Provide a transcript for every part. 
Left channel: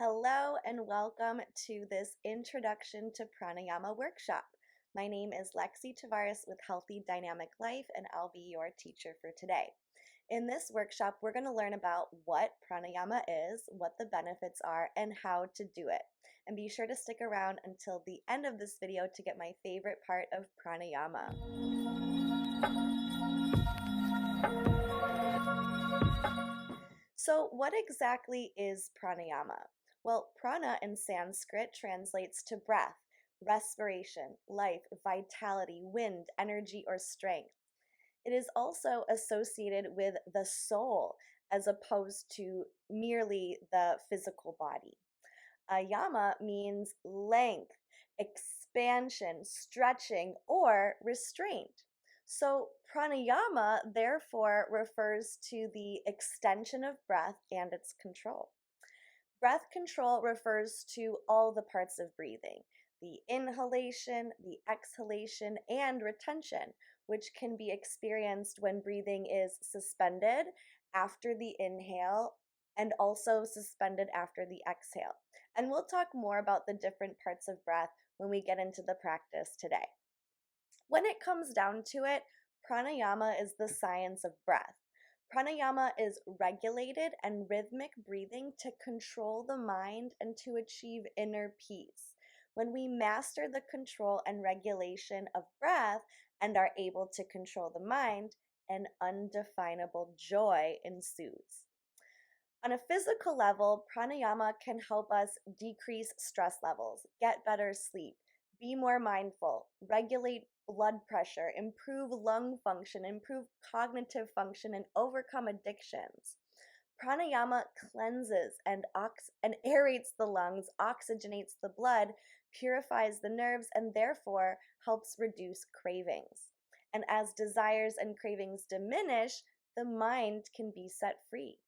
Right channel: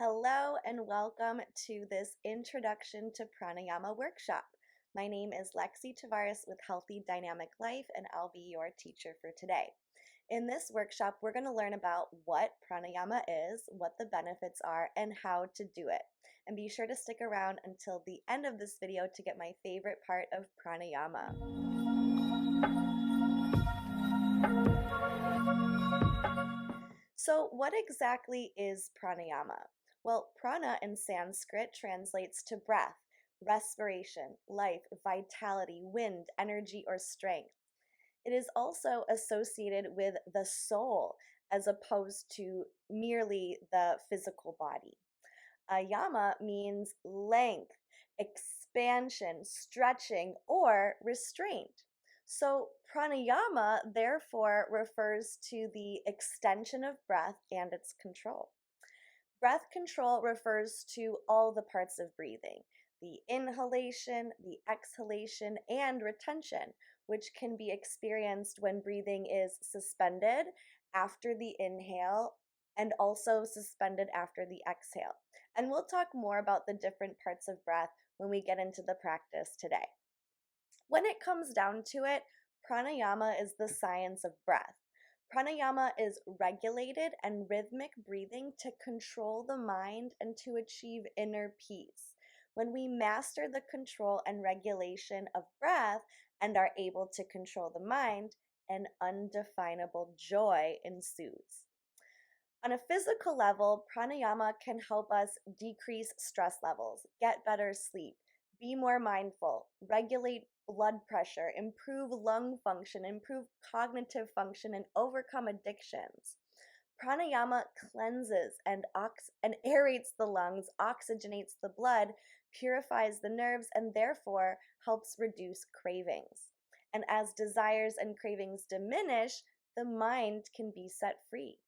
Hello and welcome to this Introduction to Pranayama workshop. My name is Lexi Tavares with Healthy Dynamic Life, and I'll be your teacher for today. In this workshop, we're going to learn about what pranayama is, what the benefits are, and how to do it. And be sure to stick around until the end of this video to get my favorite part of pranayama. So, what exactly is pranayama? Well, prana in Sanskrit translates to breath, respiration, life, vitality, wind, energy, or strength. It is also associated with the soul as opposed to merely the physical body. Ayama means length, expansion, stretching, or restraint. So, pranayama therefore refers to the extension of breath and its control. Breath control refers to all the parts of breathing, the inhalation, the exhalation, and retention, which can be experienced when breathing is suspended after the inhale and also suspended after the exhale. And we'll talk more about the different parts of breath when we get into the practice today. When it comes down to it, pranayama is the science of breath. Pranayama is regulated and rhythmic breathing to control the mind and to achieve inner peace. When we master the control and regulation of breath and are able to control the mind, an undefinable joy ensues. On a physical level, pranayama can help us decrease stress levels, get better sleep, be more mindful, regulate blood pressure, improve lung function, improve cognitive function, and overcome addictions. Pranayama cleanses and aerates the lungs, oxygenates the blood, purifies the nerves, and therefore helps reduce cravings. And as desires and cravings diminish, the mind can be set free.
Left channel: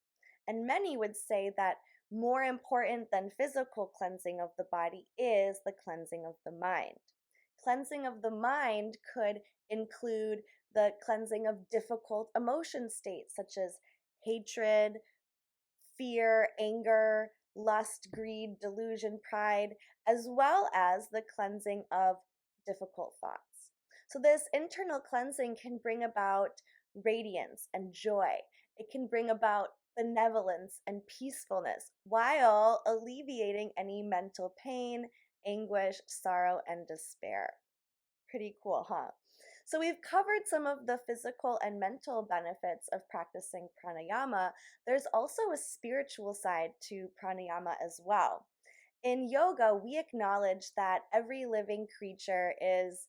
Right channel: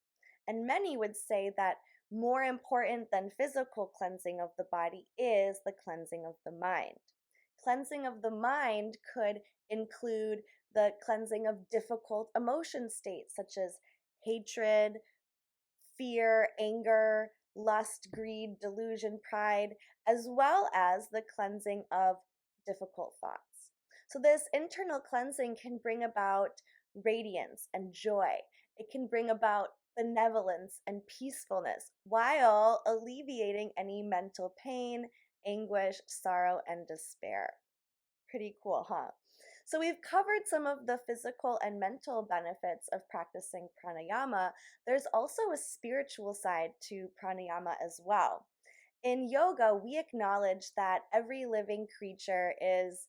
And many would say that more important than physical cleansing of the body is the cleansing of the mind. Cleansing of the mind could include the cleansing of difficult emotion states such as hatred, fear, anger, lust, greed, delusion, pride, as well as the cleansing of difficult thoughts. So, this internal cleansing can bring about radiance and joy. It can bring about benevolence and peacefulness while alleviating any mental pain, anguish, sorrow, and despair. Pretty cool, huh? So, we've covered some of the physical and mental benefits of practicing pranayama. There's also a spiritual side to pranayama as well. In yoga, we acknowledge that every living creature is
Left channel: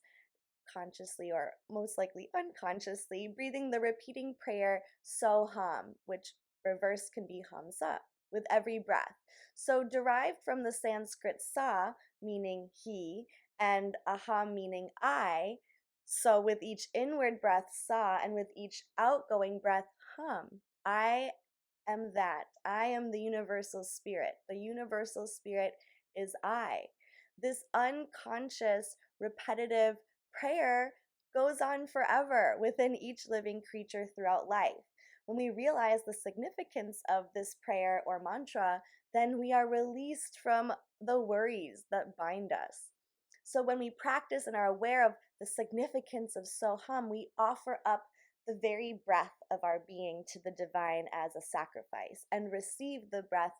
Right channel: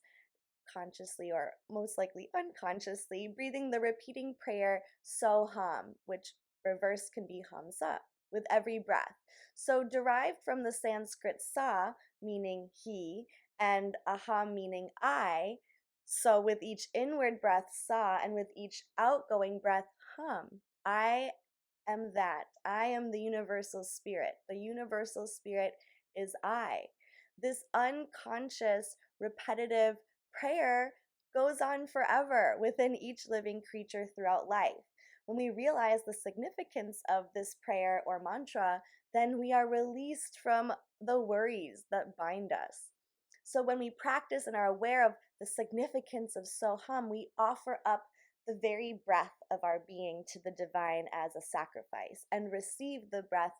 consciously or most likely unconsciously breathing the repeating prayer Soham, which reverse can be Hamsa, with every breath. So, derived from the Sanskrit sa, meaning he, and aham, meaning I. So, with each inward breath sa, and with each outgoing breath hum, I am that. I am the universal spirit. The universal spirit is I. This unconscious, repetitive prayer goes on forever within each living creature throughout life. When we realize the significance of this prayer or mantra, then we are released from the worries that bind us. So when we practice and are aware of the significance of Soham, we offer up the very breath of our being to the divine as a sacrifice and receive the breath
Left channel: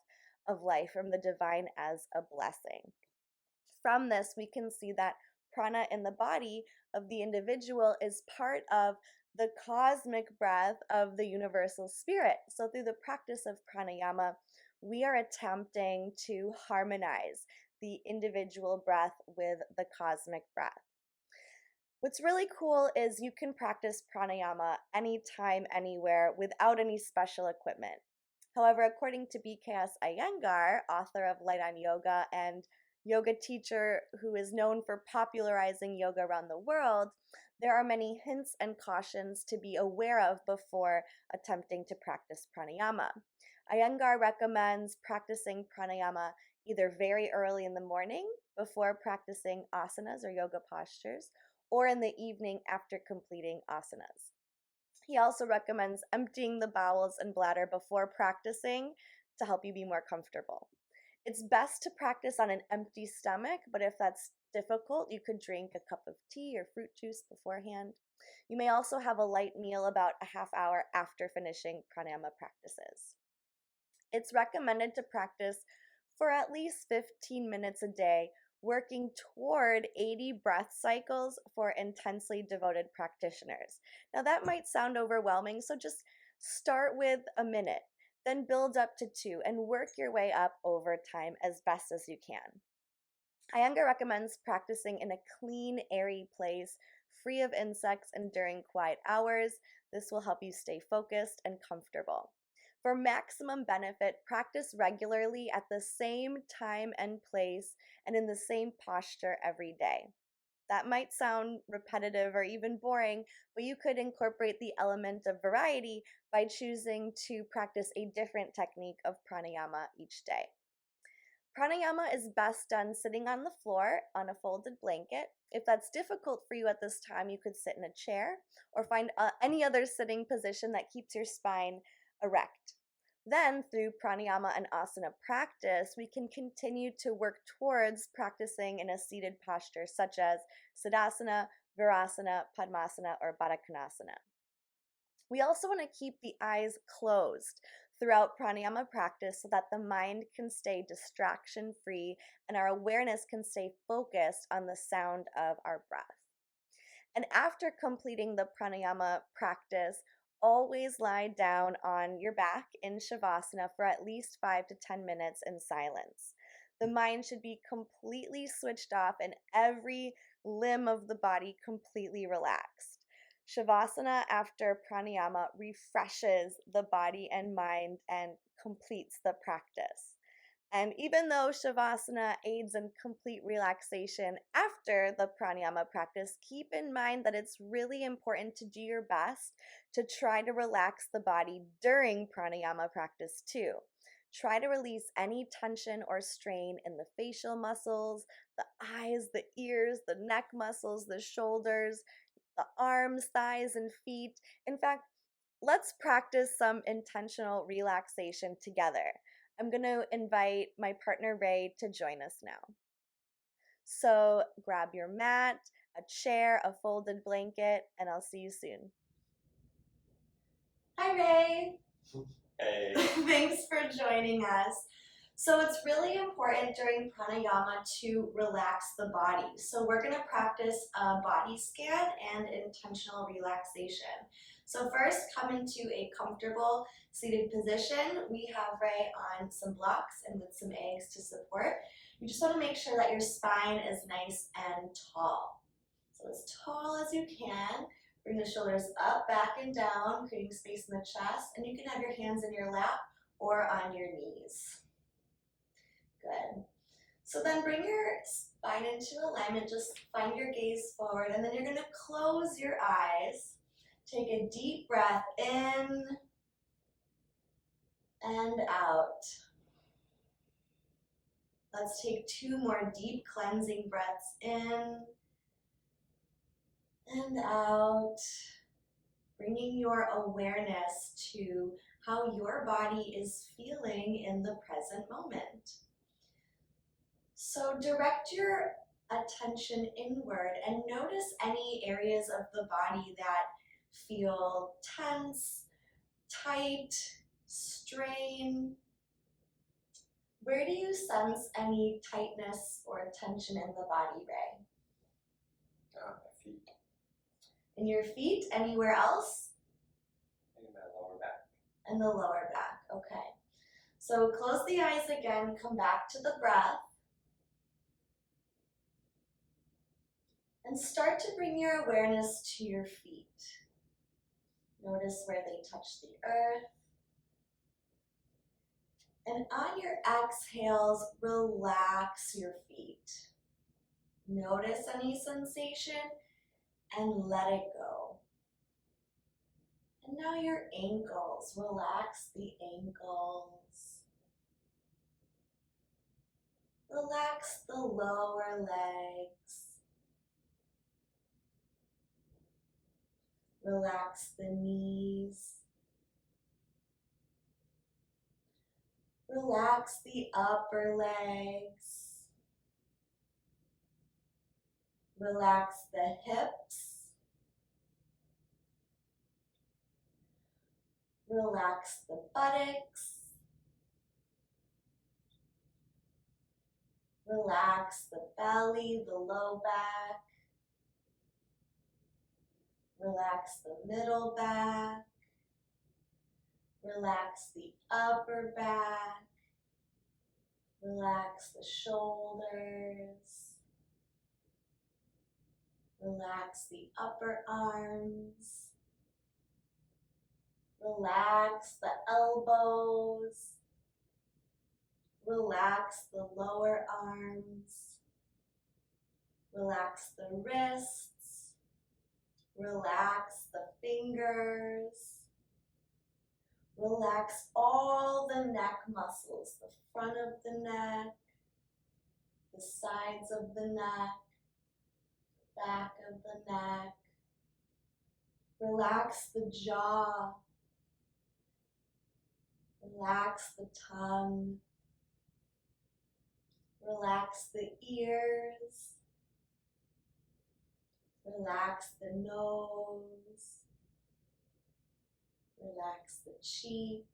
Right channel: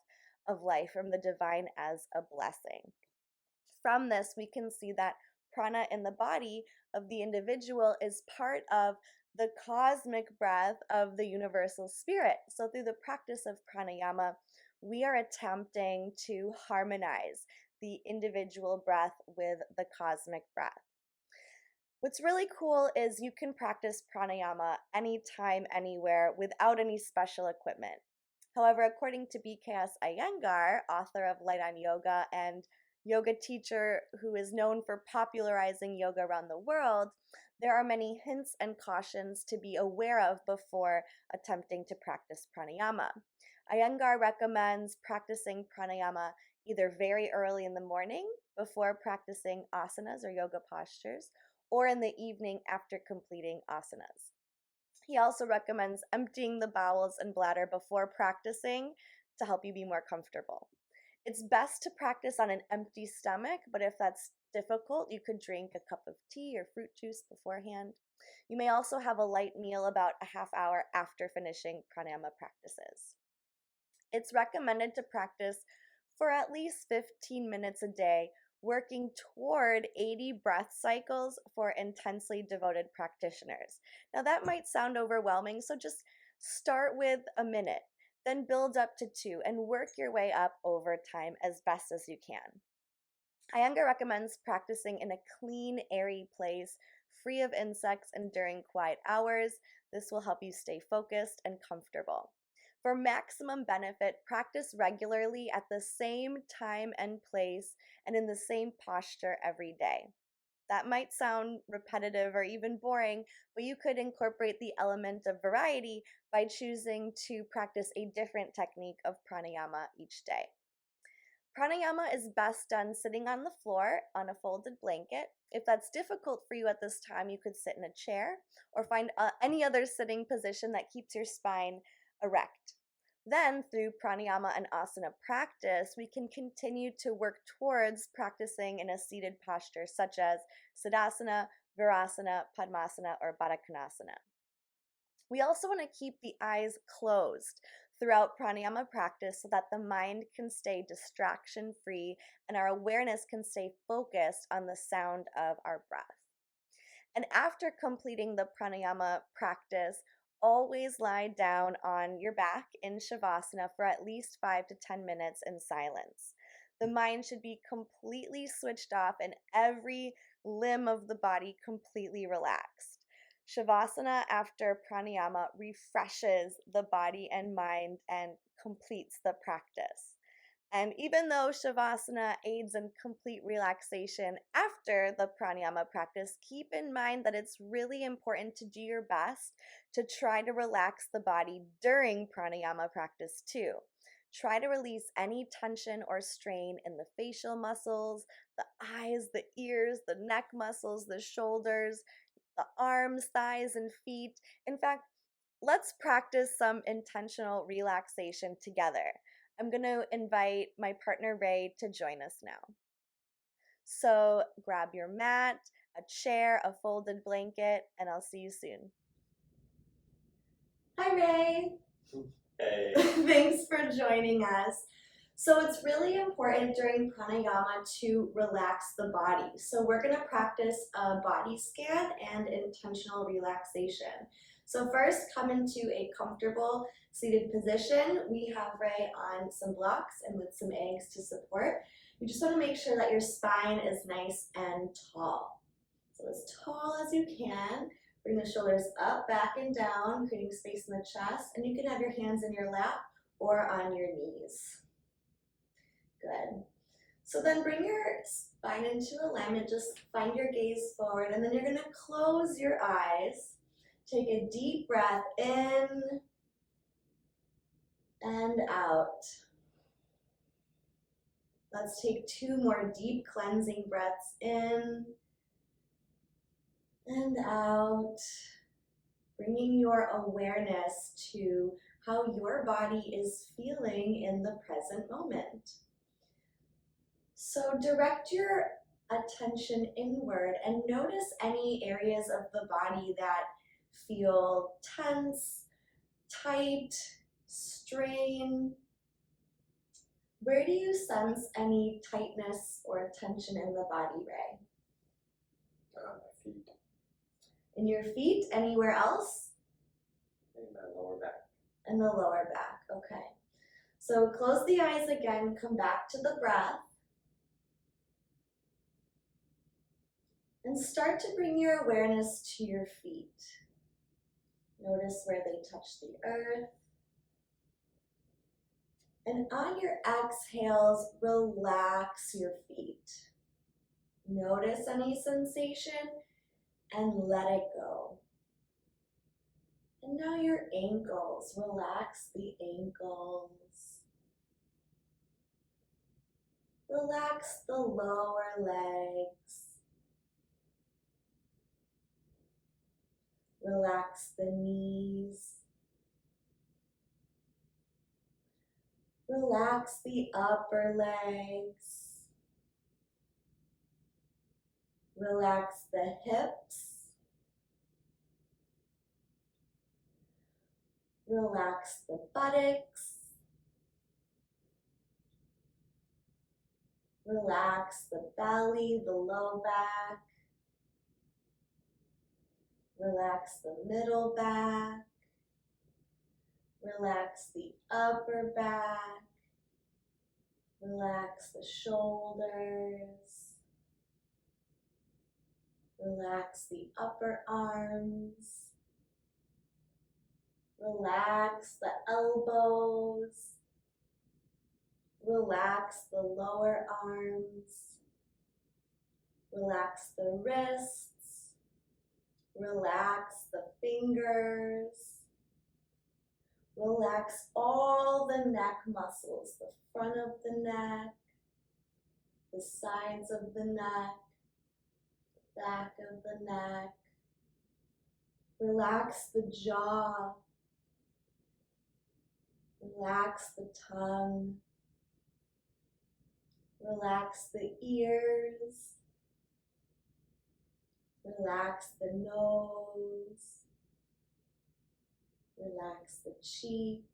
of life from the divine as a blessing. From this, we can see that prana in the body of the individual is part of the cosmic breath of the universal spirit. So, through the practice of pranayama, we are attempting to harmonize the individual breath with the cosmic breath. What's really cool is you can practice pranayama anytime, anywhere, without any special equipment. However, according to BKS Iyengar, author of Light on Yoga and yoga teacher who is known for popularizing yoga around the world, there are many hints and cautions to be aware of before attempting to practice pranayama. Iyengar recommends practicing pranayama either very early in the morning before practicing asanas or yoga postures, or in the evening after completing asanas. He also recommends emptying the bowels and bladder before practicing to help you be more comfortable. It's best to practice on an empty stomach, but if that's difficult, you could drink a cup of tea or fruit juice beforehand. You may also have a light meal about a half hour after finishing pranayama practices. It's recommended to practice for at least 15 minutes a day, working toward 80 breath cycles for intensely devoted practitioners. Now, that might sound overwhelming, so just start with a minute, then build up to two, and work your way up over time as best as you can. Iyengar recommends practicing in a clean, airy place, free of insects, and during quiet hours. This will help you stay focused and comfortable. For maximum benefit, practice regularly at the same time and place and in the same posture every day. That might sound repetitive or even boring, but you could incorporate the element of variety by choosing to practice a different technique of pranayama each day. Pranayama is best done sitting on the floor on a folded blanket. If that's difficult for you at this time, you could sit in a chair or find any other sitting position that keeps your spine erect. Then, through pranayama and asana practice, we can continue to work towards practicing in a seated posture such as Siddhasana, Virasana, Padmasana, or Baddha Konasana. We also want to keep the eyes closed throughout pranayama practice so that the mind can stay distraction free and our awareness can stay focused on the sound of our breath. And after completing the pranayama practice, always lie down on your back in shavasana for at least 5 to 10 minutes in silence. The mind should be completely switched off and every limb of the body completely relaxed. Shavasana after pranayama refreshes the body and mind and completes the practice. And even though Shavasana aids in complete relaxation after the pranayama practice, keep in mind that it's really important to do your best to try to relax the body during pranayama practice too. Try to release any tension or strain in the facial muscles, the eyes, the ears, the neck muscles, the shoulders, the arms, thighs, and feet. In fact, let's practice some intentional relaxation together. I'm going to invite my partner Ray to join us now. So grab your mat, a chair, a folded blanket, and I'll see you soon. Hi, Ray. Hey. Thanks for joining us. So it's really important during pranayama to relax the body. So we're going to practice a body scan and intentional relaxation. So first, come into a comfortable seated position. We have Ray on some blocks and with some eggs to support. You just want to make sure that your spine is nice and tall. So as tall as you can. Bring the shoulders up, back, and down, creating space in the chest. And you can have your hands in your lap or on your knees. Good. So then bring your spine into alignment. Just find your gaze forward. And then you're going to close your eyes. Take a deep breath in and out. Let's take 2 more deep cleansing breaths in and out. Bringing your awareness to how your body is feeling in the present moment. So direct your attention inward and notice any areas of the body that feel tense, tight, strain. Where do you sense any tightness or tension in the body, Ray? My feet. In your feet? Anywhere else? In my lower back. In the lower back, okay. So close the eyes again, come back to the breath. And start to bring your awareness to your feet. Notice where they touch the earth. And on your exhales, relax your feet. Notice any sensation and let it go. And now your ankles, relax the ankles. Relax the lower legs. Relax the knees. Relax the upper legs. Relax the hips. Relax the buttocks. Relax the belly, the low back. Relax the middle back. Relax the upper back. Relax the shoulders. Relax the upper arms. Relax the elbows. Relax the lower arms. Relax the wrists. Relax the fingers. Relax all the neck muscles, the front of the neck, the sides of the neck, the back of the neck. Relax the jaw. Relax the tongue. Relax the ears. Relax the nose. Relax the cheeks.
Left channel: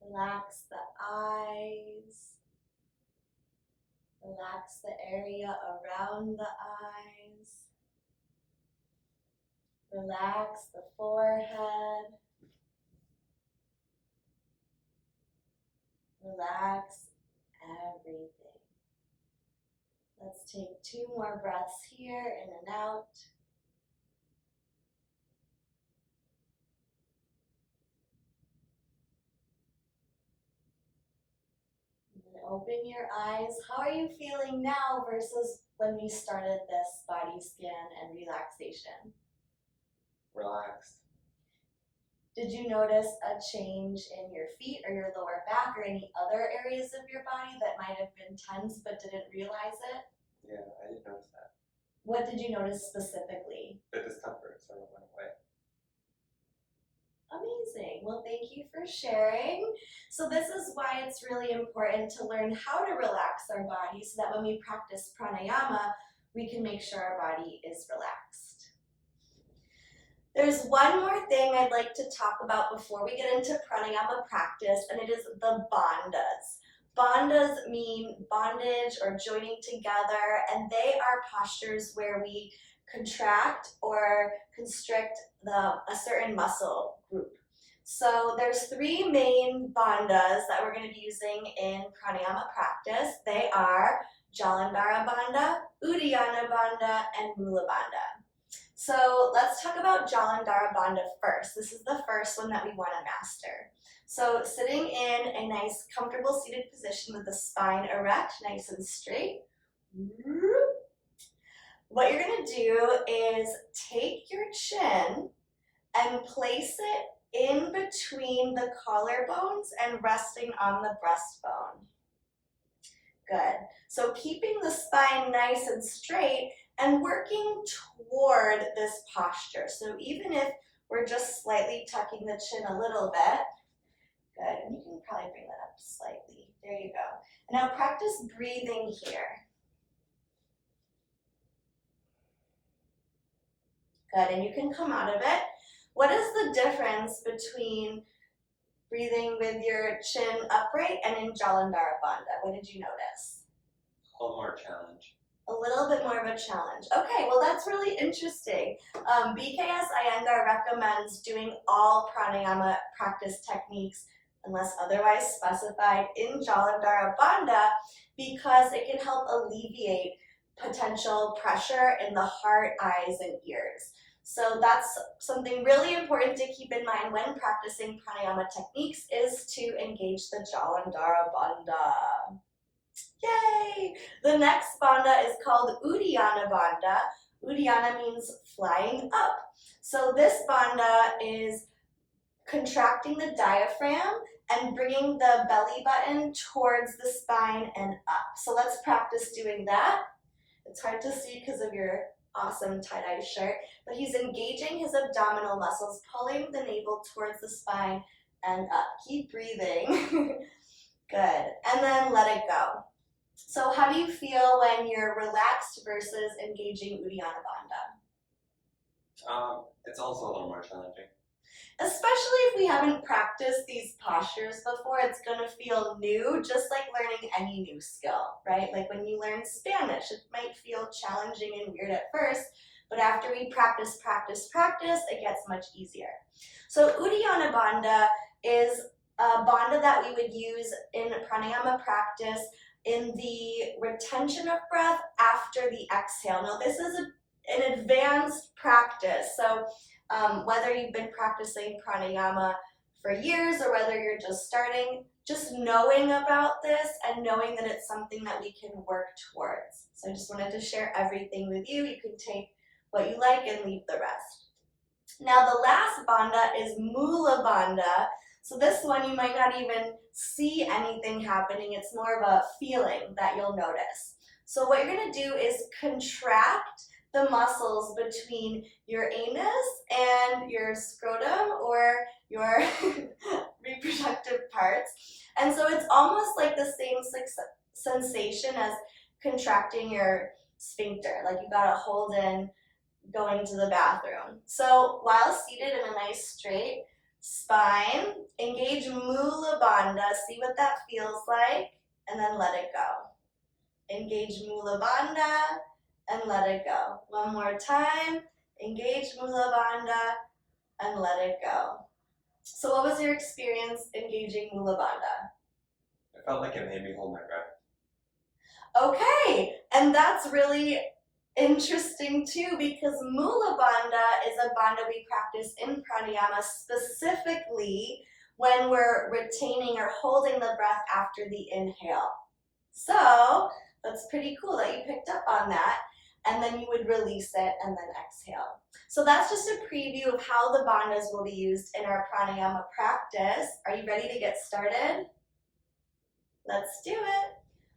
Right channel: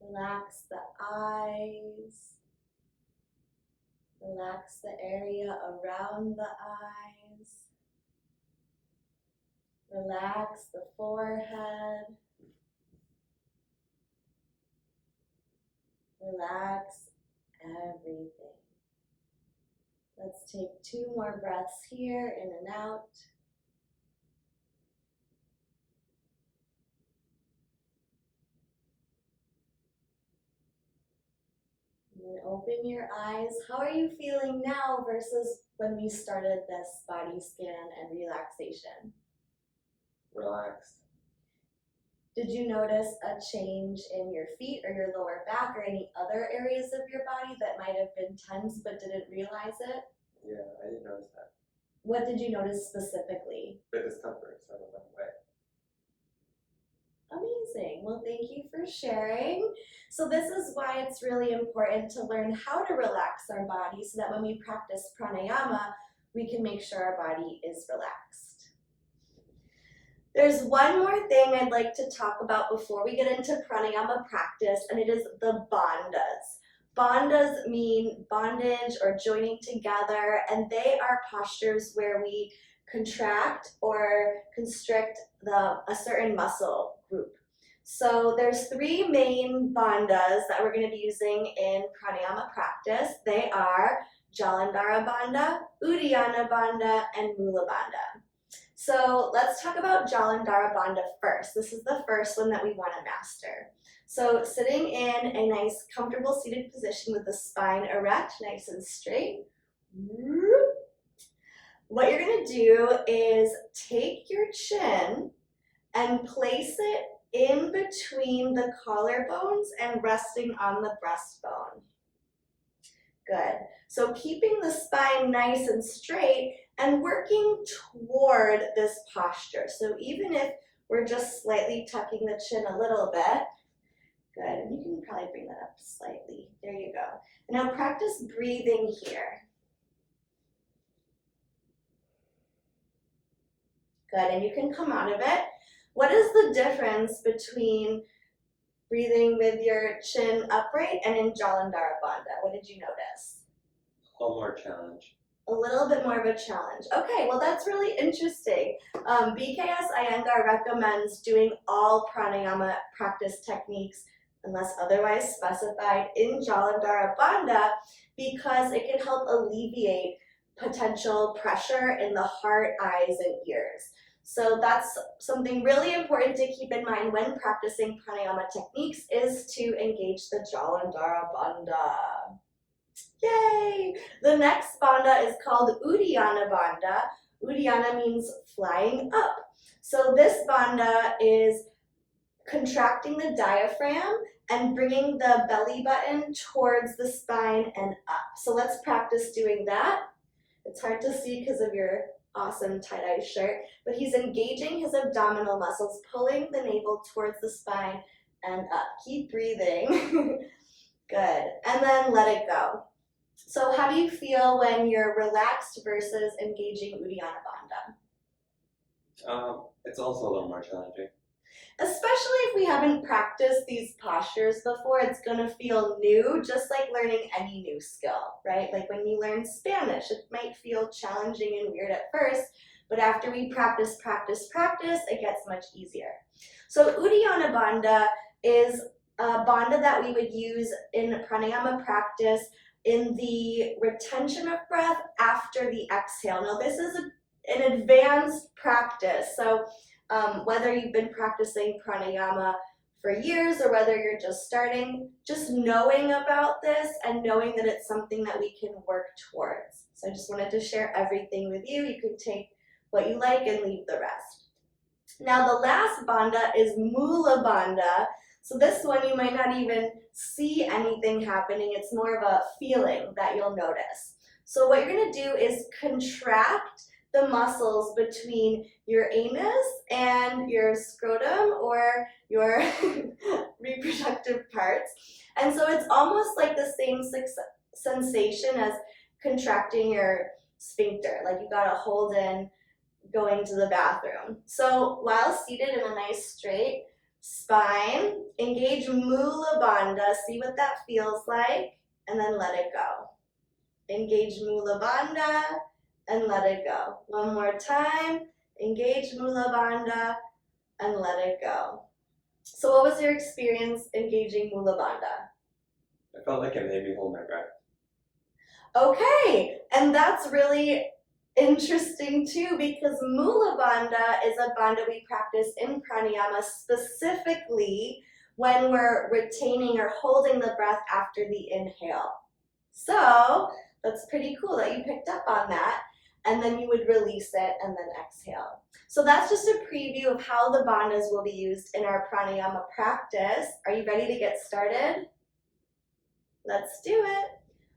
Relax the eyes. Relax the area around the eyes. Relax the forehead. Relax everything. Let's take 2 more breaths here, in and out. And then open your eyes. How are you feeling now versus when we started this body scan and relaxation? Relaxed. Did you notice a change in your feet or your lower back or any other areas of your body that might have been tense but didn't realize it? Yeah, I didn't notice that. What did you notice specifically? The discomfort sort of went away. Amazing. Well, thank you for sharing. So this is why it's really important to learn how to relax our body so that when we practice pranayama, we can make sure our body is relaxed. There's one more thing I'd like to talk about before we get into pranayama practice, and it is the bandhas. Bandhas mean bondage or joining together, and they are postures where we contract or constrict a certain muscle group. So there's 3 main bandhas that we're going to be using in pranayama practice. They are Jalandhara Bandha, Uddiyana Bandha, and Mula Bandha. So let's talk about Jalandhara Bandha first. This is the first one that we want to master. So sitting in a nice comfortable seated position with the spine erect, nice and straight. What you're going to do is take your chin and place it in between the collarbones and resting on the breastbone. Good. So keeping the spine nice and straight and working toward this posture. So even if we're just slightly tucking the chin a little bit, good. And you can probably bring that up slightly. There you go. And now practice breathing here. Good. And you can come out of it. What is the difference between breathing with your chin upright and in Jalandhara Bandha? What did you notice? A little more challenge. A little bit more of a challenge. Okay, well that's really interesting. BKS Iyengar recommends doing all pranayama practice techniques unless otherwise specified in Jalandhara Bandha because it can help alleviate potential pressure in the heart, eyes, and ears. So that's something really important to keep in mind when practicing pranayama techniques is to engage the Jalandhara Bandha. Yay! The next bandha is called Uddiyana Bandha. Uddiyana means flying up. So this bandha is contracting the diaphragm and bringing the belly button towards the spine and up. So let's practice doing that. It's hard to see because of your awesome tie-dye shirt, but he's engaging his abdominal muscles, pulling the navel towards the spine and up. Keep breathing. Good. And then let it go. So how do you feel when you're relaxed versus engaging Uddiyana Bandha? It's also a little more challenging. Especially if we haven't practiced these postures before, it's going to feel new, just like learning any new skill, right? Like when you learn Spanish, it might feel challenging and weird at first, but after we practice, it gets much easier. So Uddiyana Bandha is a bandha that we would use in pranayama practice in the retention of breath after the exhale. Now this is an advanced practice, so whether you've been practicing pranayama for years or whether you're just starting, just knowing about this and knowing that it's something that we can work towards. So I just wanted to share everything with you. You can take what you like and leave the rest. Now the last bandha is Mula Bandha. So this one you might not even see anything happening. It's more of a feeling that you'll notice. So what you're going to do is contract the muscles between your anus and your scrotum or your reproductive parts. And so it's almost like the same sensation as contracting your sphincter. Like you got to hold in going to the bathroom. So while seated in a nice straight spine, engage Mula Bandha. See what that feels like, and then let it go. Engage Mula Bandha and let it go. One more time. Engage Mula Bandha and let it go. So what was your experience engaging Mula Bandha? I felt like it made me hold my breath. Okay, and that's really interesting too, because Mula Bandha is a bandha we practice in pranayama specifically when we're retaining or holding the breath after the inhale. So that's pretty cool that you picked up on that. And then you would release it and then exhale. So that's just a preview of how the bandhas will be used in our pranayama practice. Are you ready to get started? Let's do it.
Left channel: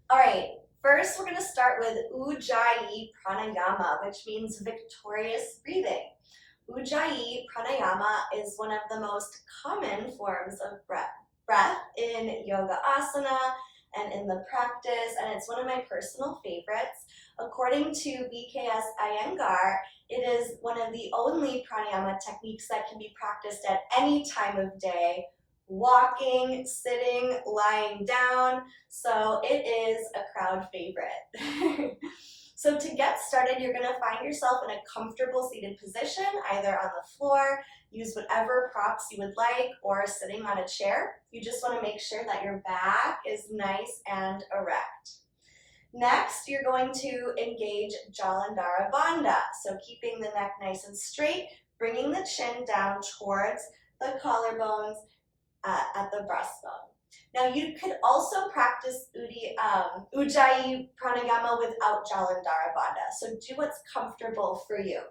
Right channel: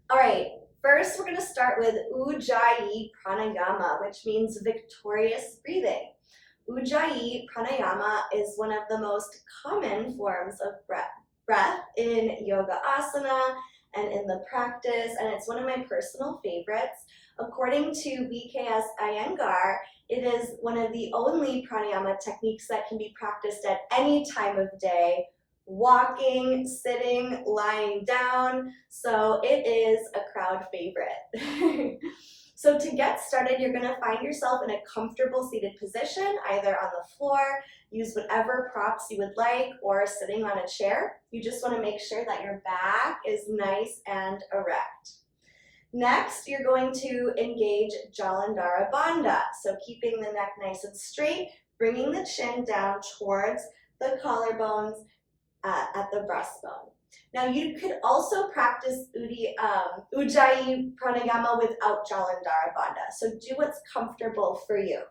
All right, first we're going to start with Ujjayi Pranayama, which means victorious breathing. Ujjayi Pranayama is one of the most common forms of breath in yoga asana and in the practice, and it's one of my personal favorites. According to BKS Iyengar, it is one of the only pranayama techniques that can be practiced at any time of day, walking, sitting, lying down, so it is a crowd favorite. So to get started, you're gonna find yourself in a comfortable seated position, either on the floor, use whatever props you would like, or sitting on a chair. You just wanna make sure that your back is nice and erect. Next, you're going to engage Jalandhara Bandha. So keeping the neck nice and straight, bringing the chin down towards the collarbones at the breastbone. Now you could also practice Ujjayi Pranayama without Jalandhara Bandha. So do what's comfortable for you.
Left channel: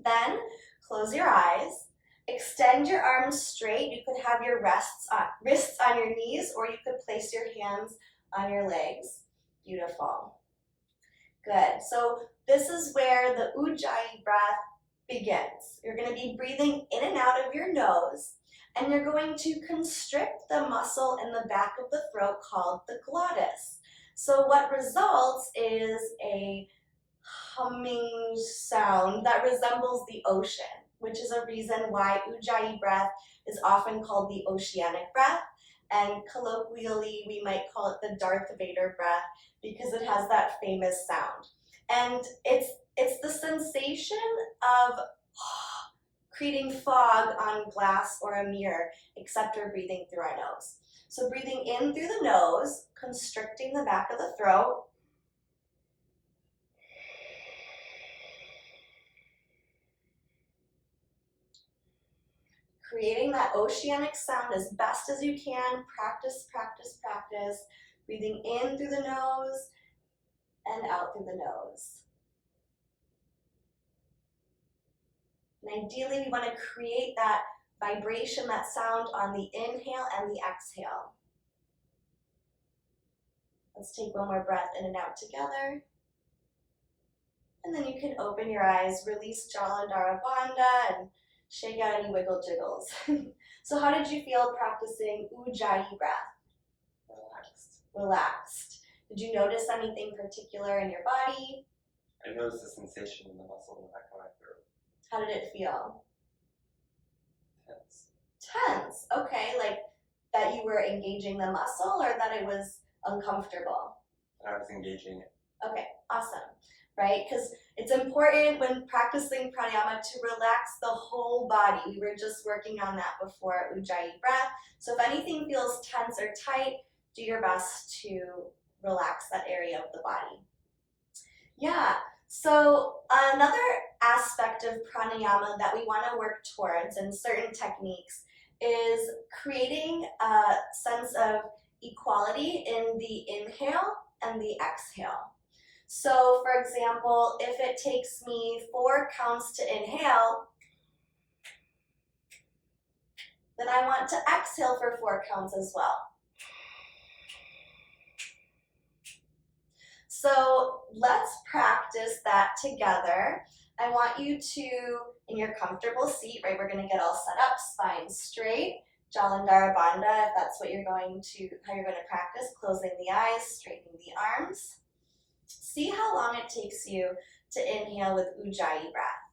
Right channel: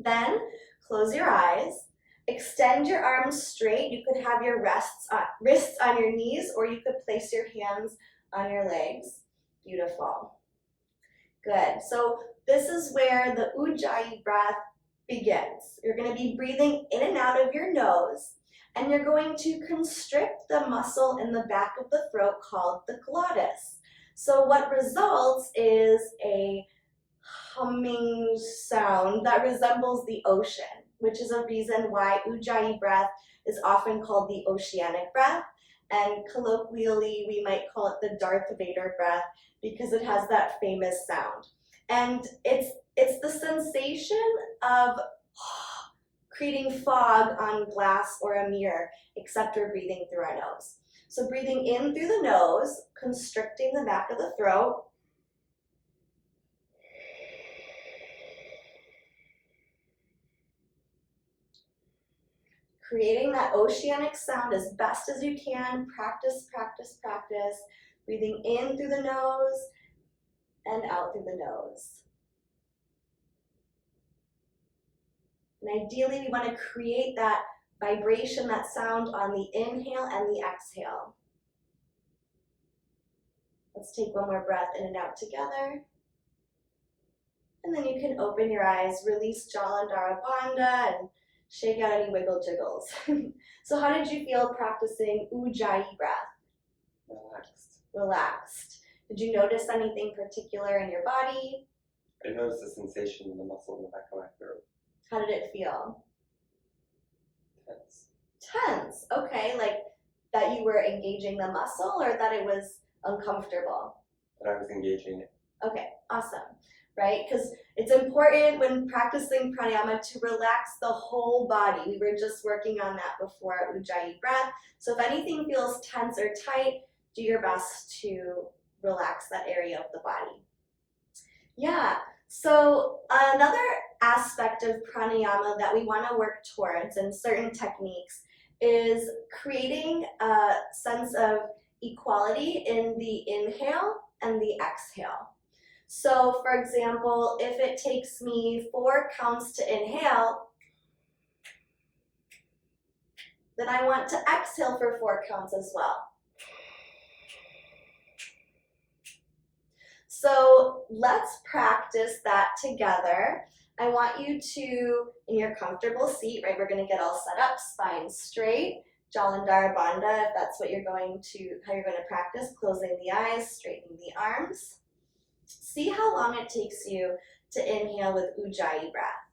Then close your eyes, extend your arms straight. You could have your wrists on your knees, or you could place your hands on your legs. Beautiful. Good. So this is where the Ujjayi breath begins. You're going to be breathing in and out of your nose, and you're going to constrict the muscle in the back of the throat called the glottis. So what results is a humming sound that resembles the ocean, which is a reason why Ujjayi breath is often called the oceanic breath, and colloquially we might call it the Darth Vader breath because it has that famous sound. And it's the sensation of creating fog on glass or a mirror, except we're breathing through our nose. So breathing in through the nose, constricting the back of the throat. Creating that oceanic sound as best as you can. Practice, practice, practice. Breathing in through the nose and out through the nose. And ideally, we want to create that vibration, that sound on the inhale and the exhale. Let's take one more breath in and out together. And then you can open your eyes, release Jalandhara Bandha, and Shake out any wiggle jiggles. So how did you feel practicing Ujjayi breath? Relaxed. Relaxed. Did you notice anything particular in your body? I noticed a sensation in the muscle in the back of my throat. How did it feel? Tense. Tense. Okay, like that you were engaging the muscle or that it was uncomfortable? That I was engaging it. Okay, awesome. Right? Because it's important when practicing pranayama to relax the whole body. We were just working on that before Ujjayi breath. So if anything feels tense or tight, do your best to relax that area of the body. Yeah, so another aspect of pranayama that we want to work towards in certain techniques is creating a sense of equality in the inhale and the exhale. So, for example, if it takes me 4 counts to inhale, then I want to exhale for 4 counts as well. So let's practice that together. I want you to, in your comfortable seat, right, we're gonna get all set up, spine straight, Jalandhara Bandha, if that's what you're going to, how you're gonna practice, closing the eyes, straightening the arms. See how long it takes you to inhale with Ujjayi breath.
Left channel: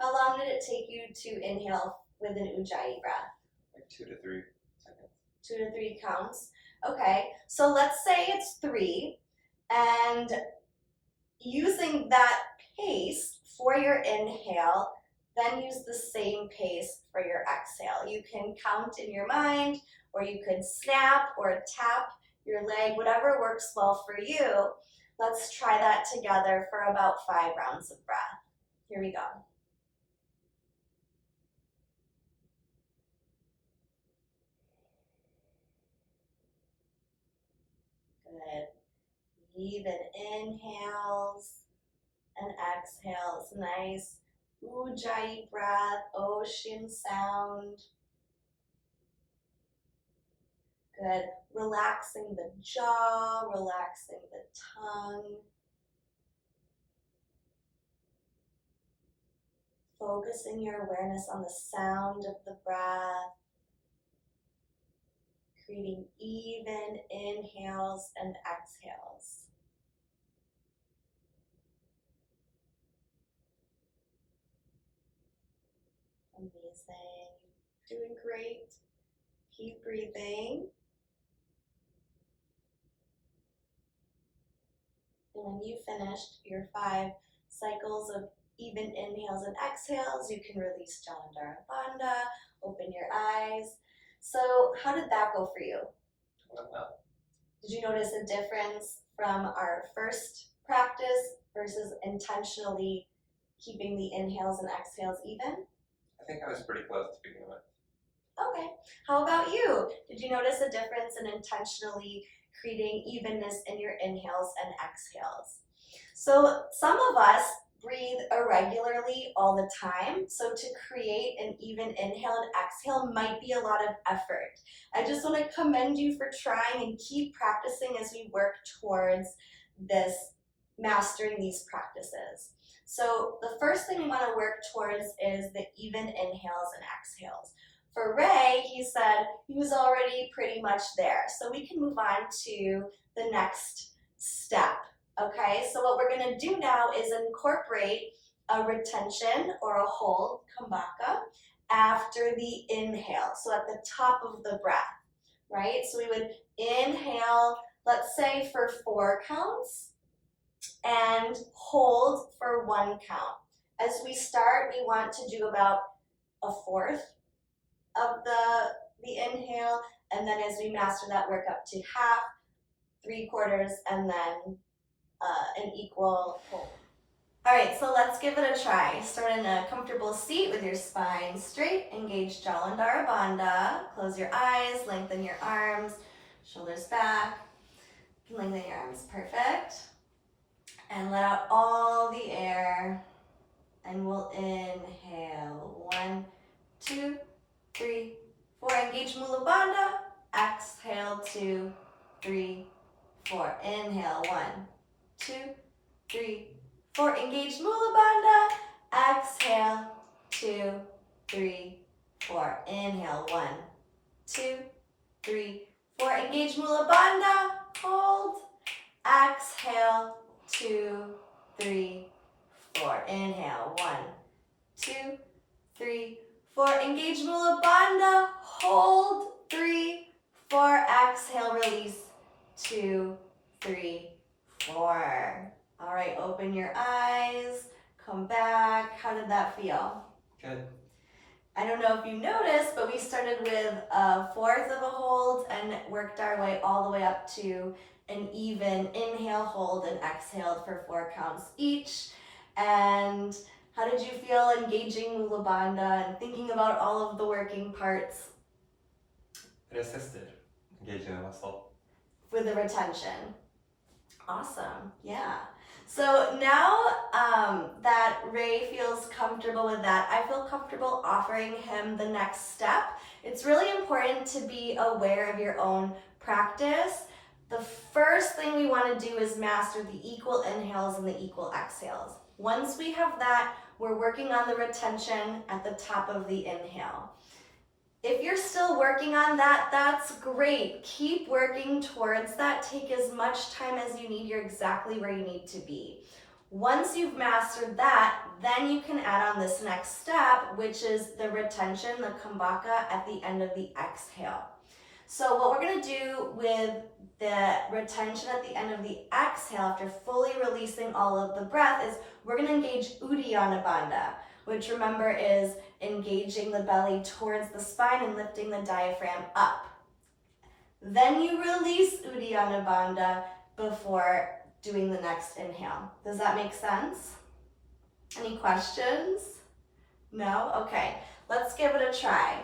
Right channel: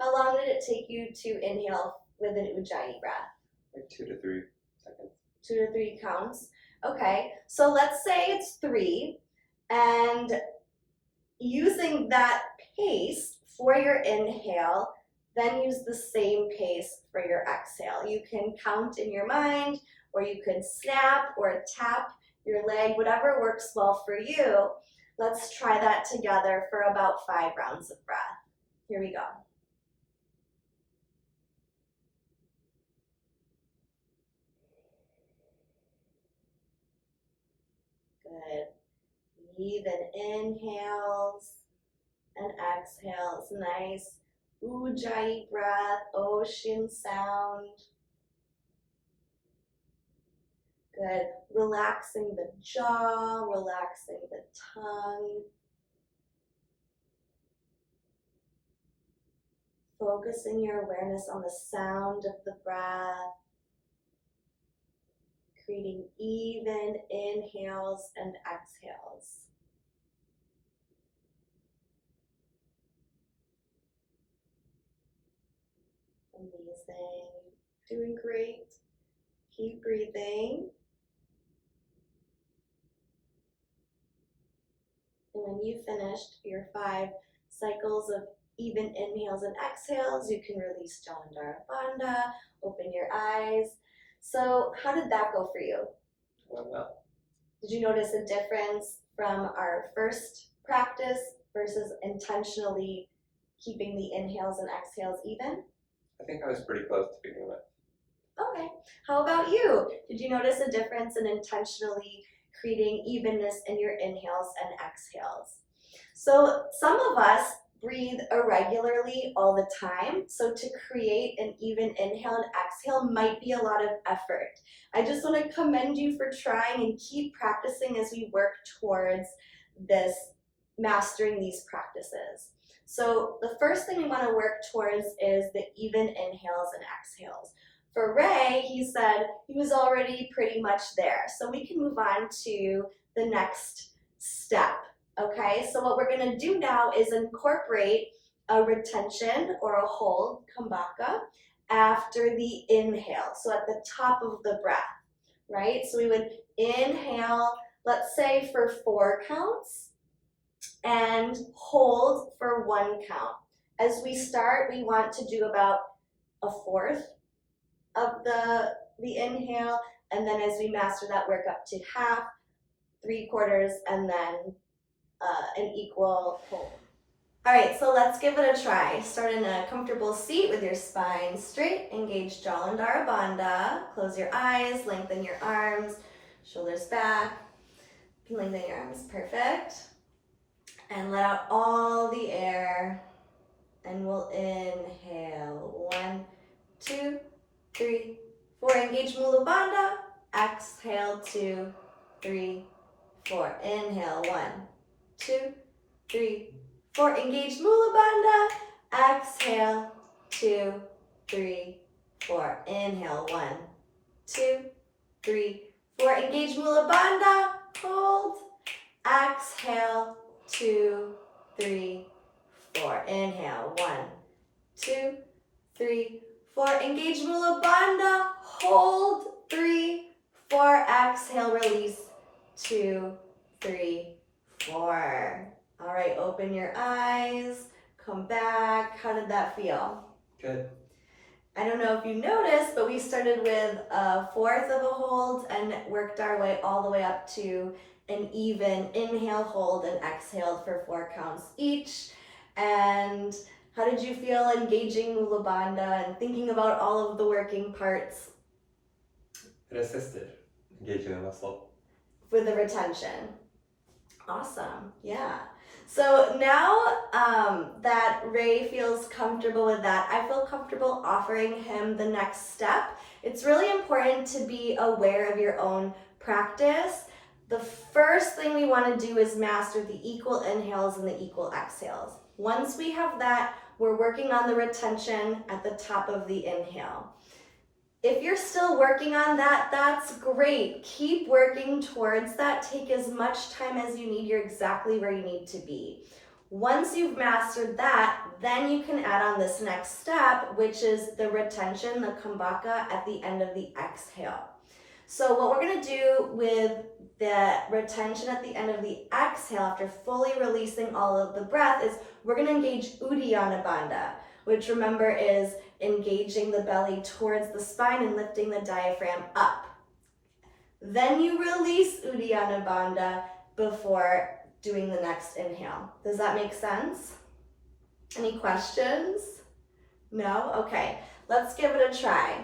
How long did it take you to inhale with an Ujjayi breath? Like 2 to 3 seconds. 2 to 3 counts. Okay, so let's say it's 3, and using that pace for your inhale, then use the same pace for your exhale. You can count in your mind, or you could snap or tap your leg, whatever works well for you. Let's try that together for about 5 rounds of breath. Here we go. Good. Even inhales and exhales. Nice Ujjayi breath, ocean sound. Good. Relaxing the jaw, relaxing the tongue. Focusing your awareness on the sound of the breath. Creating even inhales and exhales. Amazing. Doing great. Keep breathing. And when you finished your 5 cycles of even inhales and exhales, you can release Jalandhara Bandha, open your eyes. So how did that go for you? Well, Did you notice a difference from our first practice versus intentionally keeping the inhales and exhales even? I think I was pretty close to begin with. Okay. How about you? Did you notice a difference in intentionally creating evenness in your inhales and exhales? So some of us breathe irregularly all the time. So to create an even inhale and exhale might be a lot of effort. I just want to commend you for trying and keep practicing as we work towards this, mastering these practices. So the first thing we want to work towards is the even inhales and exhales. For Ray, he said he was already pretty much there. So we can move on to the next step. Okay, so what we're going to do now is incorporate a retention or a hold, kambaka, after the inhale. So at the top of the breath, right? So we would inhale, let's say for 4 counts, and hold for 1 count. As we start, we want to do about a fourth of the inhale, and then as we master that, work up to half, 3/4, and then an equal hold. All right, so let's give it a try. Start in a comfortable seat with your spine straight. Engage Jalandhara Bandha. Close your eyes, lengthen your arms, shoulders back. You can lengthen your arms, perfect. And let out all the air. And we'll inhale. 1, 2, 3, 4. Engage Mula Bandha. Exhale, 2, 3, 4. Inhale, 1, 2, 3, 4. Engage Mula Bandha. Exhale. 2, 3, 4. Inhale. 1, 2, 3, 4. Engage Mula Bandha. Hold. Exhale. 2, 3, 4. Inhale. 1, 2, 3, 4. Engage Mula Bandha. Hold. 3, 4. Exhale. Release. 2, 3, 4. All right, open your eyes. Come back. How did that feel? Good. I don't know if you noticed, but we started with a fourth of a hold and worked our way all the way up to an even inhale, hold, and exhaled for 4 counts each. And how did you feel engaging Mula Bandha and thinking about all of the working parts? It assisted engaging the muscle. With the retention. Awesome, yeah. So now that Ray feels comfortable with that, I feel comfortable offering him the next step. It's really important to be aware of your own practice. The first thing we want to do is master the equal inhales and the equal exhales. Once we have that, we're working on the retention at the top of the inhale. If you're still working on that, that's great. Keep working towards that. Take as much time as you need. You're exactly where you need to be. Once you've mastered that, then you can add on this next step, which is the retention, the kumbhaka at the end of the exhale. So what we're going to do with the retention at the end of the exhale, after fully releasing all of the breath, is we're going to engage Uddiyana Bandha, which remember is engaging the belly towards the spine and lifting the diaphragm up. Then you release Uddiyana Bandha before doing the next inhale. Does that make sense? Any questions? No? Okay, let's give it a try.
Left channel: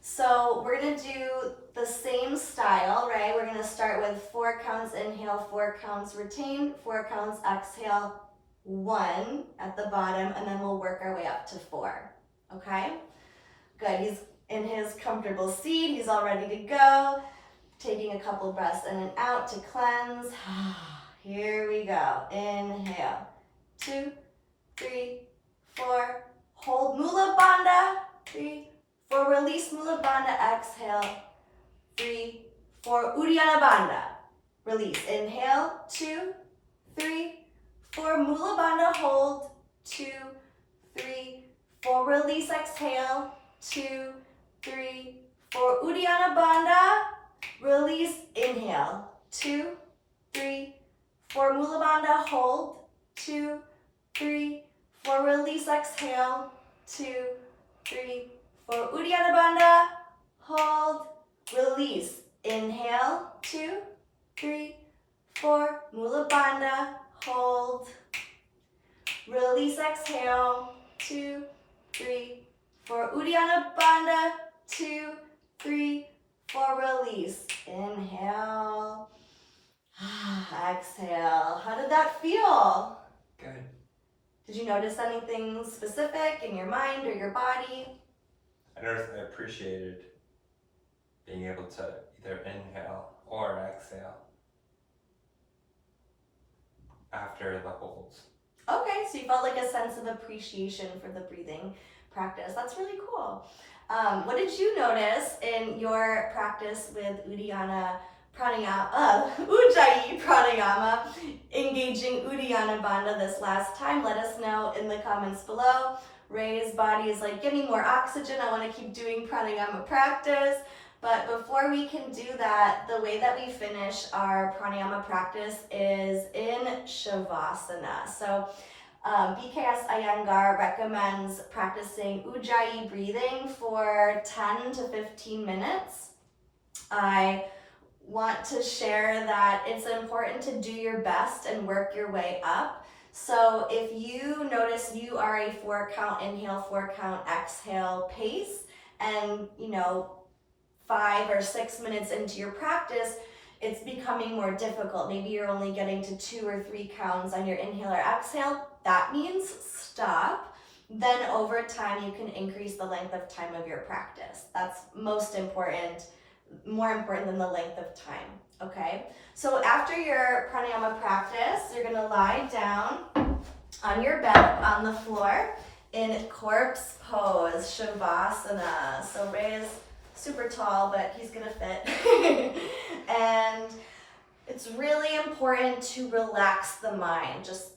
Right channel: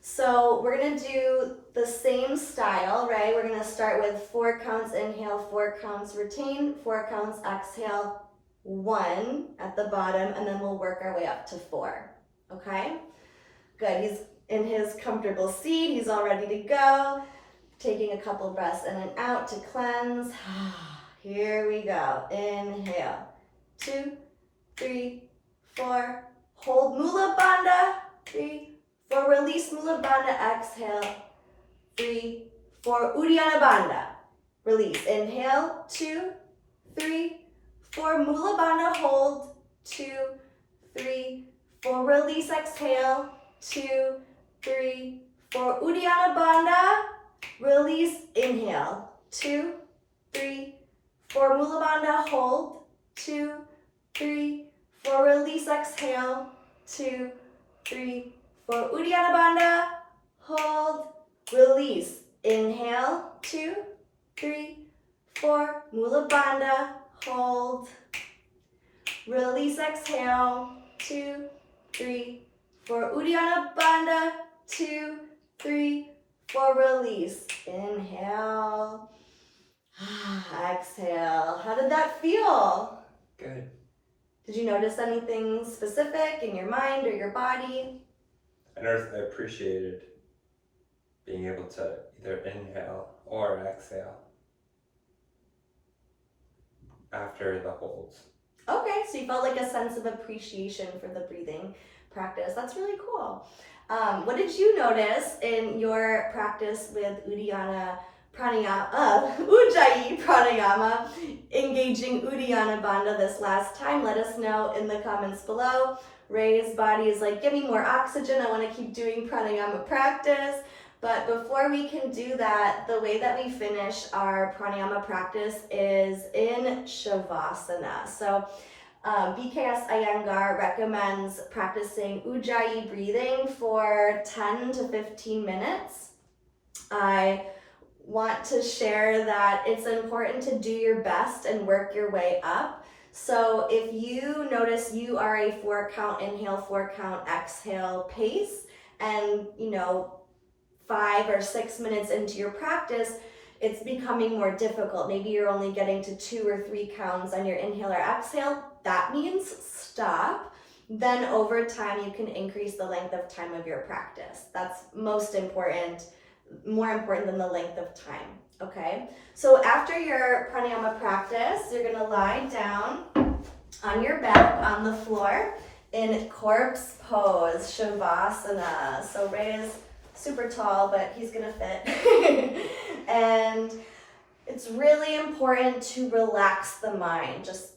So we're going to do the same style, right? We're going to start with 4 counts inhale, 4 counts retain, 4 counts exhale, 1 at the bottom, and then we'll work our way up to 4. Okay? Good. He's in his comfortable seat. He's all ready to go. Taking a couple breaths in and out to cleanse. Here we go. Inhale. 2, 3, 4. Hold Mula Bandha. 3, 4. Release Mula Bandha. Exhale. 3, 4. Uddiyana Bandha. Release. Inhale. 2, 3, 4. Mula Bandha. Hold. 2, 3, 4. Release. Exhale. 2, 3, 4. Uddiyana Bandha. Release. Inhale. 2, 3, 4. Mula Bandha. Hold. 2, 3, 4. Release. Exhale. 2, 3, 4. Uddiyana Bandha. Hold. Release. Inhale. 2, 3, 4. Mula Bandha. Hold. Release. Exhale. 2, 3, 4. Uddiyana Bandha. 2, 3, 4. Release. Inhale. Exhale. How did that feel? Good. Did you notice anything specific in your mind or your body? I noticed I appreciated being able to either inhale or exhale after the holds. Okay, so you felt like a sense of appreciation for the breathing practice. That's really cool. What did you notice in your practice with Uddiyana Pranayama, Ujjayi Pranayama, engaging Uddiyana Bandha this last time? Let us know in the comments below. Ray's body is like, give me more oxygen. I want to keep doing pranayama practice. But before we can do that, the way that we finish our pranayama practice is in Shavasana. So BKS Iyengar recommends practicing Ujjayi breathing for 10 to 15 minutes. I want to share that it's important to do your best and work your way up. So if you notice you are a 4 count inhale, 4 count exhale pace, and 5 or 6 minutes into your practice, it's becoming more difficult. Maybe you're only getting to 2 or 3 counts on your inhale or exhale. That means stop. Then over time, you can increase the length of time of your practice. That's most important more important than the length of time, okay? So after your pranayama practice, you're gonna lie down on your back on the floor in corpse pose, shavasana. So Ray is super tall, but he's gonna fit. And it's really important to relax the mind. Just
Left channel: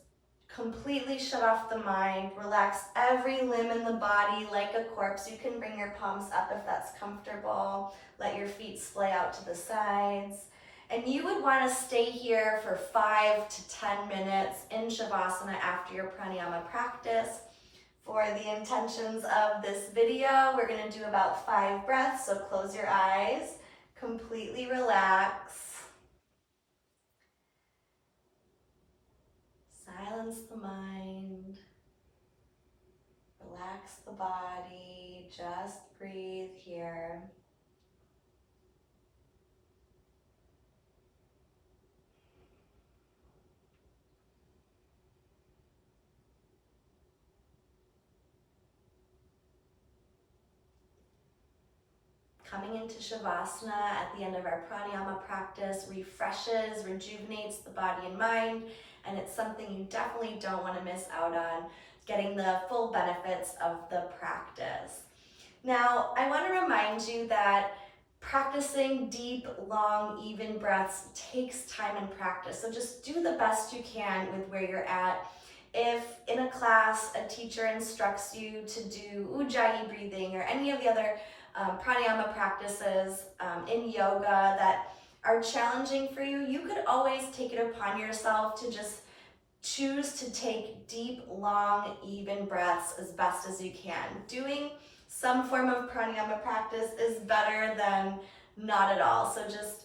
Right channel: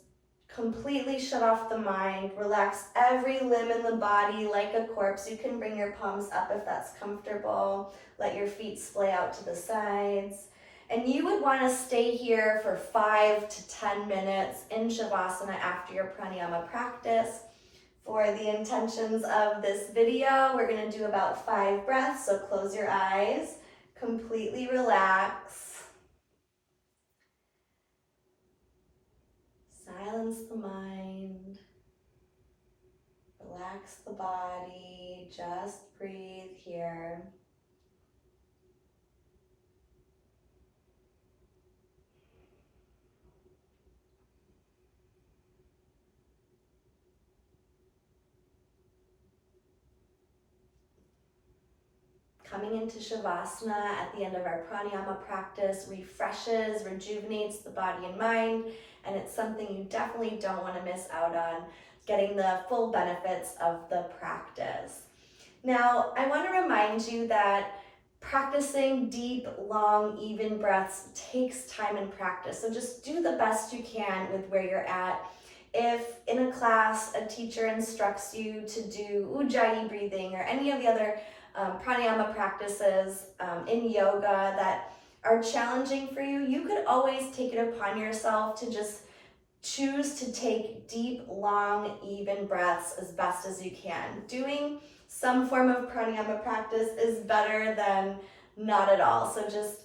completely shut off the mind. Relax every limb in the body like a corpse. You can bring your palms up if that's comfortable. Let your feet splay out to the sides. And you would want to stay here for 5 to 10 minutes in Shavasana after your pranayama practice. For the intentions of this video, we're going to do about 5 breaths, so close your eyes, completely relax. Silence the mind, relax the body, just breathe here. Coming into Shavasana at the end of our pranayama practice refreshes, rejuvenates the body and mind, and it's something you definitely don't want to miss out on, getting the full benefits of the practice. Now, I want to remind you that practicing deep, long, even breaths takes time and practice. So just do the best you can with where you're at. If in a class a teacher instructs you to do ujjayi breathing or any of the other pranayama practices in yoga that are challenging for you, you could always take it upon yourself to just choose to take deep, long, even breaths as best as you can. Doing some form of pranayama practice is better than not at all. So just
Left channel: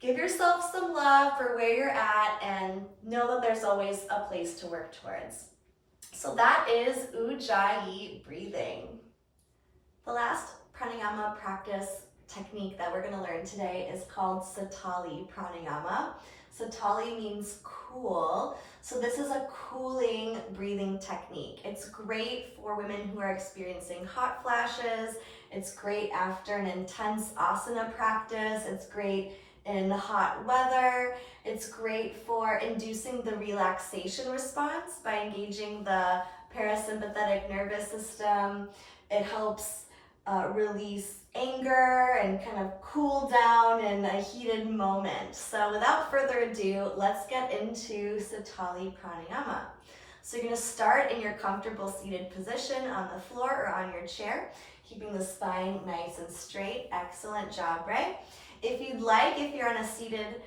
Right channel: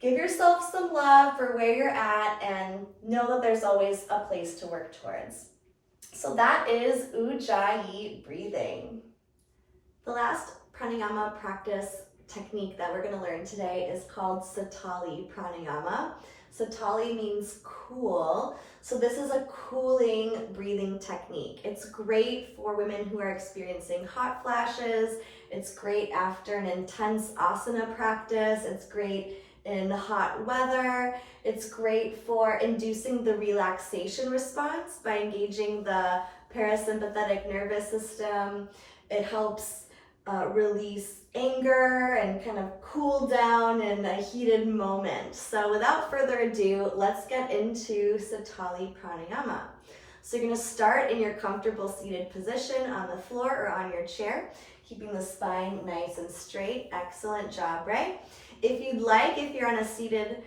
give yourself some love for where you're at and know that there's always a place to work towards. So that is ujjayi breathing. The last pranayama practice technique that we're going to learn today is called Satali Pranayama. Satali means cool. So this is a cooling breathing technique. It's great for women who are experiencing hot flashes. It's great after an intense asana practice. It's great in hot weather. It's great for inducing the relaxation response by engaging the parasympathetic nervous system. It helps release anger and kind of cool down in a heated moment. So without further ado, let's get into Satali Pranayama. So you're going to start in your comfortable seated position on the floor or on your chair, keeping the spine nice and straight. Excellent job, Ray. If you'd like, if you're on a seated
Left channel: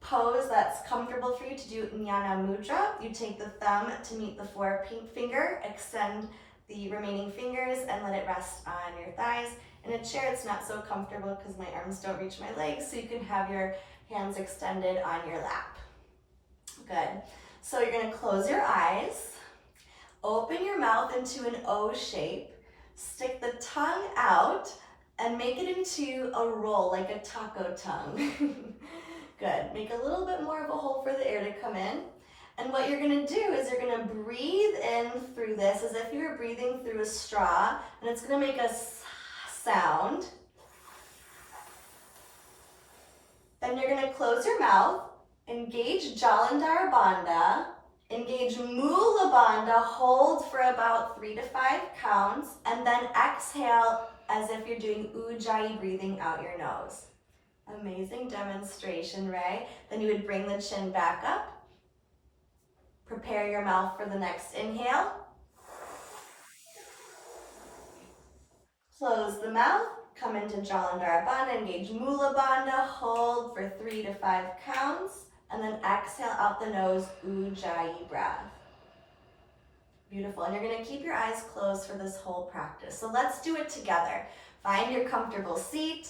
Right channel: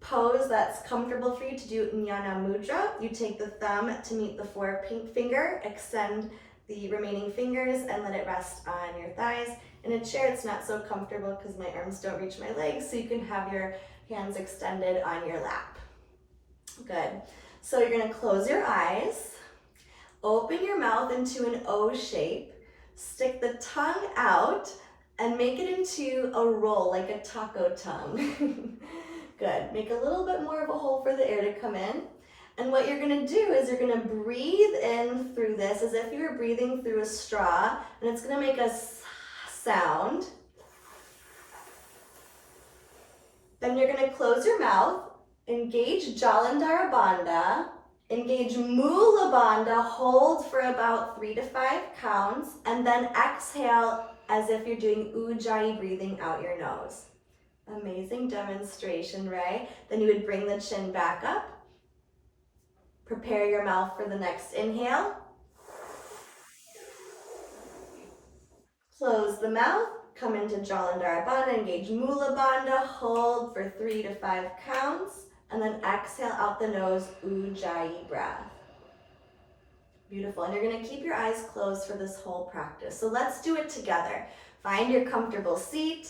pose that's comfortable for you to do Jnana Mudra, you take the thumb to meet the forefinger, extend the remaining fingers and let it rest on your thighs. In a chair, it's not so comfortable because my arms don't reach my legs, so you can have your hands extended on your lap. Good. So you're going to close your eyes, open your mouth into an O shape, stick the tongue out, and make it into a roll like a taco tongue. Good. Make a little bit more of a hole for the air to come in. And what you're going to do is you're going to breathe in through this as if you were breathing through a straw, and it's going to make a sound. Then you're going to close your mouth, engage Jalandhara Bandha, engage Mula Bandha, hold for about 3 to 5 counts, and then exhale as if you're doing ujjayi breathing out your nose. Amazing demonstration, Ray. Then you would bring the chin back up. Prepare your mouth for the next inhale. Close the mouth, come into Jalandhara Bandha, engage Mula Bandha, hold for 3 to 5 counts, and then exhale out the nose, ujjayi breath. Beautiful, and you're gonna keep your eyes closed for this whole practice. So let's do it together. Find your comfortable seat,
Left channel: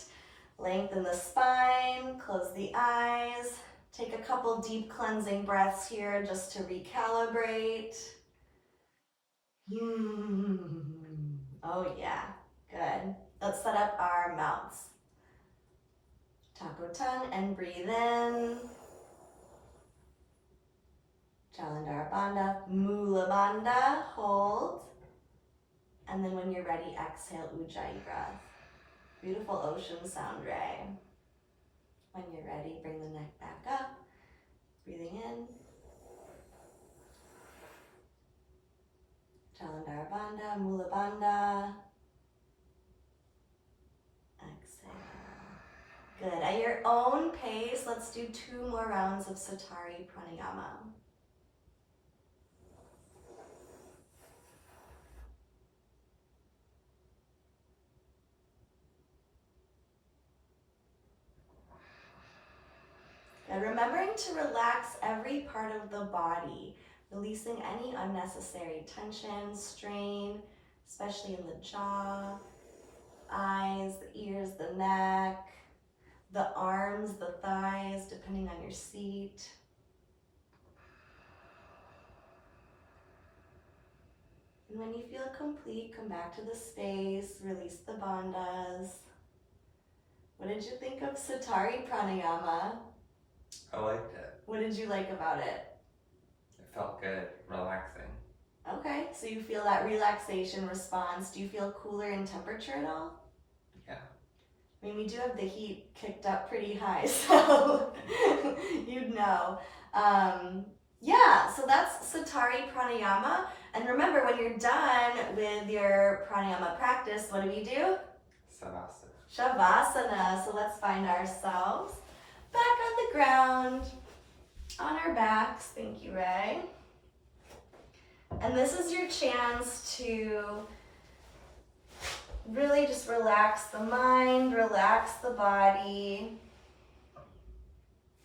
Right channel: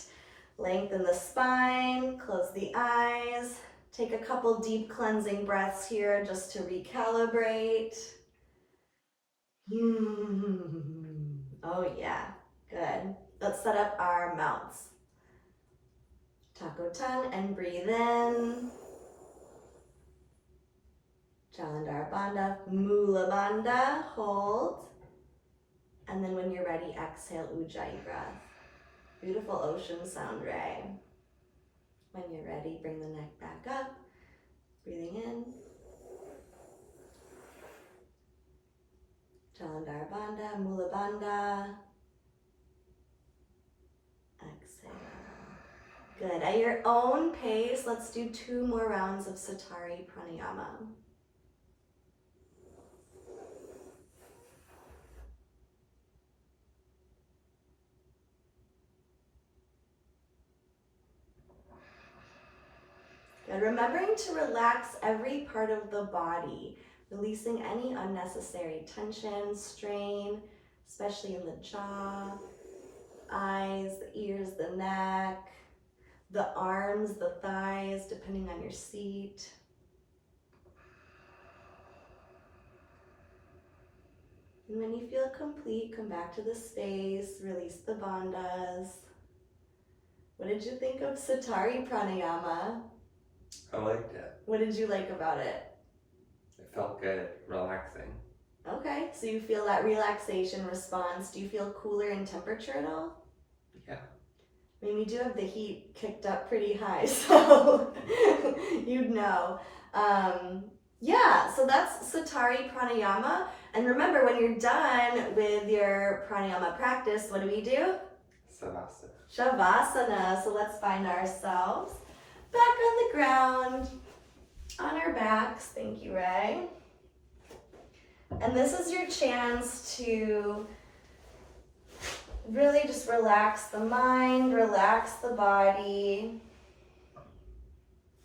lengthen the spine, close the eyes, take a couple deep cleansing breaths here just to recalibrate. Oh yeah, good. Let's set up our mouths. Taco tongue and breathe in. Jalandhara Bandha, Mula Bandha, hold. And then when you're ready, exhale ujjayi breath. Beautiful ocean sound, Ray. When you're ready, bring the neck back up. Breathing in. Jalandhara Bandha, Mula Bandha. Exhale. Good. At your own pace, let's do 2 more rounds of Satari Pranayama. And remembering to relax every part of the body, releasing any unnecessary tension, strain, especially in the jaw, eyes, the ears, the neck, the arms, the thighs, depending on your seat. And when you feel complete, come back to the space, release the bandhas. What did you think of Satari Pranayama? I liked it. What did you like about it? It felt good, relaxing. Okay, so you feel that relaxation response. Do you feel cooler in temperature at all? Yeah. I mean, we do have the heat kicked up pretty high, so you'd know. Yeah, so that's Satari Pranayama. And remember, when you're done with your pranayama practice, what do? Savasana. Shavasana. So let's find ourselves back on the ground, on our backs. Thank you, Ray. And this is your chance to really just relax the mind, relax the body.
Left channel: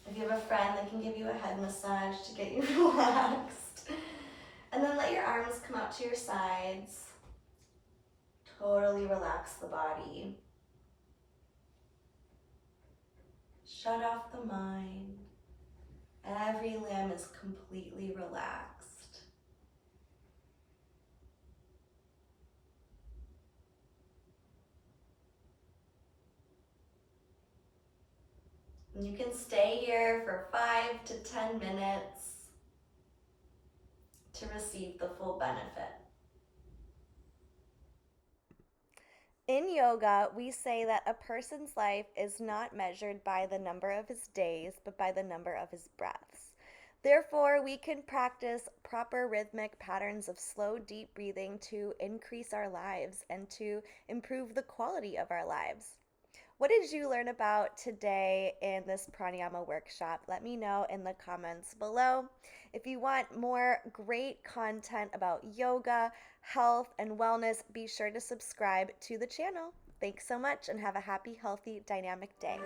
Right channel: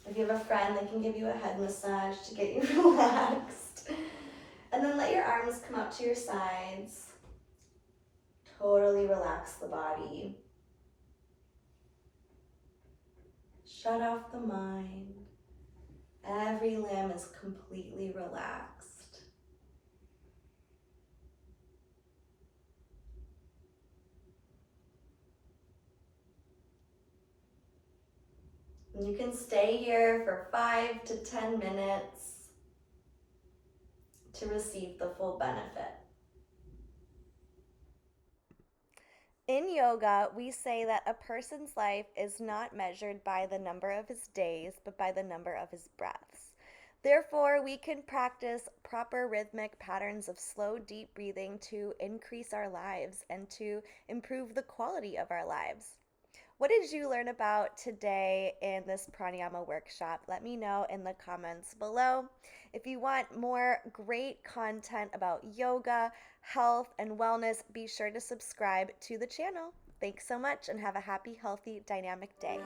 If you have a friend, they can give you a head massage to get you relaxed. And then let your arms come out to your sides. Totally relax the body. Shut off the mind. Every limb is completely relaxed. And you can stay here for 5 to 10 minutes to receive the full benefit. In yoga, we say that a person's life is not measured by the number of his days, but by the number of his breaths. Therefore, we can practice proper rhythmic patterns of slow, deep breathing to increase our lives and to improve the quality of our lives. What did you learn about today in this pranayama workshop? Let me know in the comments below. If you want more great content about yoga, health, and wellness, be sure to subscribe to the channel. Thanks so much and have a happy, healthy, dynamic day.